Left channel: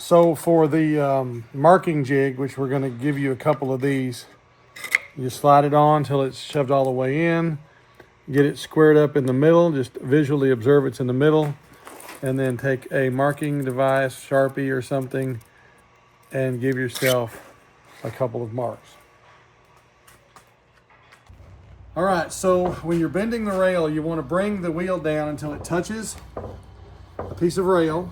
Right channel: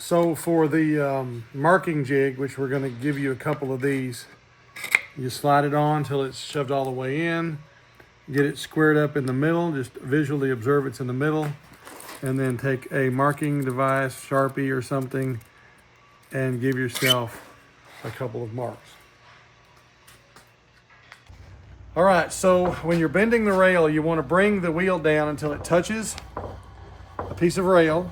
So for the marking jig, which we're going to give you a couple of these, you slide it on until it's shoved all the way in. Get it squared up in the middle, just visually observe it's in the middle, and then take a marking device, Sharpie or something, and give yourself a couple of marks. All right, so when you're bending the rail, you want to bring the wheel down until it touches the piece of rail.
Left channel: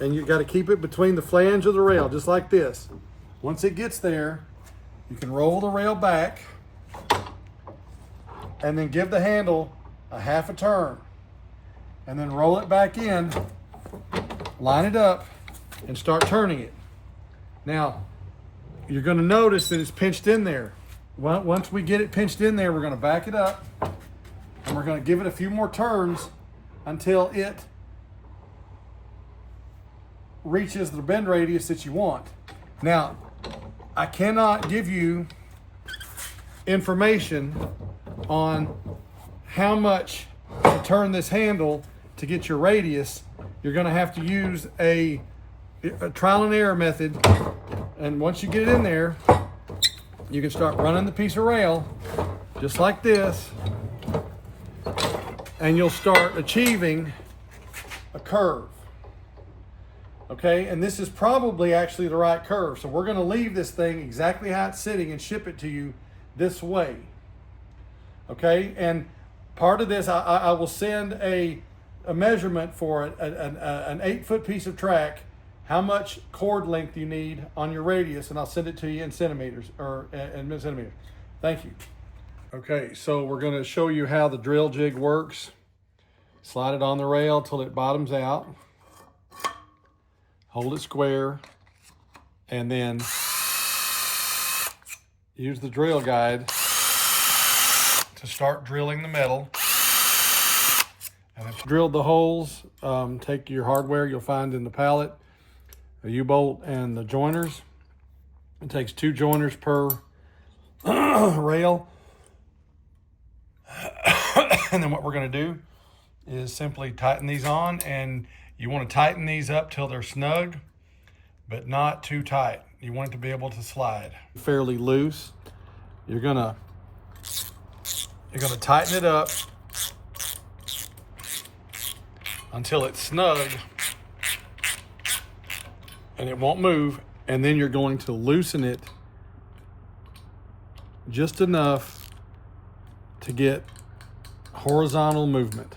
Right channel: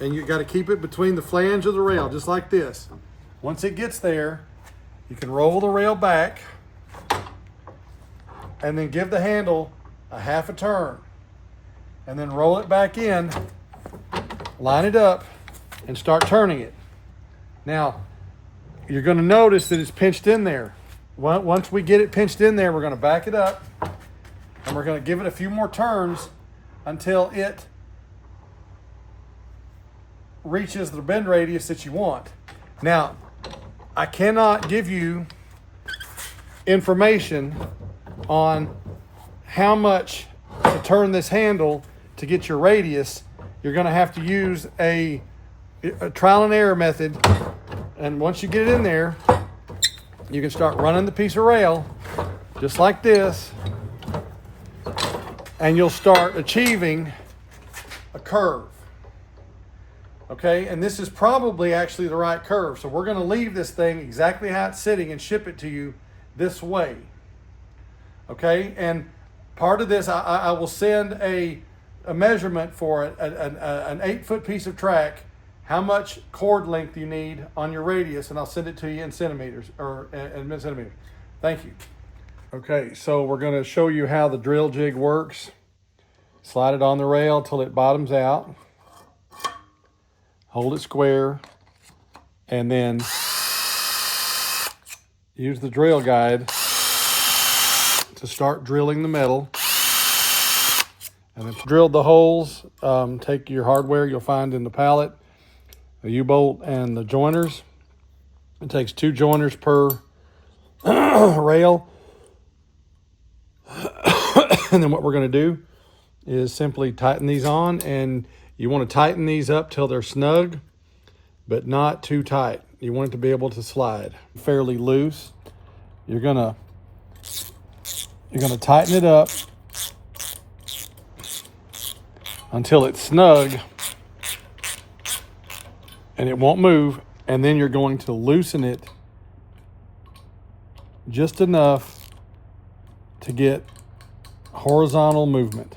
And you got to keep it between the flange of the rail, just like this. Once it gets there, you can roll the rail back and then give the handle a half a turn. And then roll it back in, line it up, and start turning it. Now, you're going to notice that it's pinched in there. Once we get it pinched in there, we're going to back it up, and we're going to give it a few more turns until it reaches the bend radius that you want. Now, I cannot give you information on how much to turn this handle to get your radius. You're going to have to use a trial and error method, and once you get it in there, you can start running the piece of rail just like this, and you'll start achieving a curve. Okay, and this is probably actually the right curve. So we're going to leave this thing exactly how it's sitting and ship it to you this way. Okay, and part of this, I will send a measurement for an 8-foot piece of track, how much cord length you need on your radius, and I'll send it to you in centimeters or in centimeters. Thank you. Okay, so we're going to show you how the drill jig works. Slide it on the rail till it bottoms out. Hold it square, and then use the drill guide to start drilling the metal. And if you drilled the holes, take your hardware you'll find in the pallet, the U-bolt and the joiners. It takes 2 joiners per rail. And then what we're going to do is simply tighten these on, and you want to tighten these up till they're snug, but not too tight. You want it to be able to slide fairly loose. You're gonna tighten it up until it's snug and it won't move, and then you're going to loosen it just enough to get horizontal movement.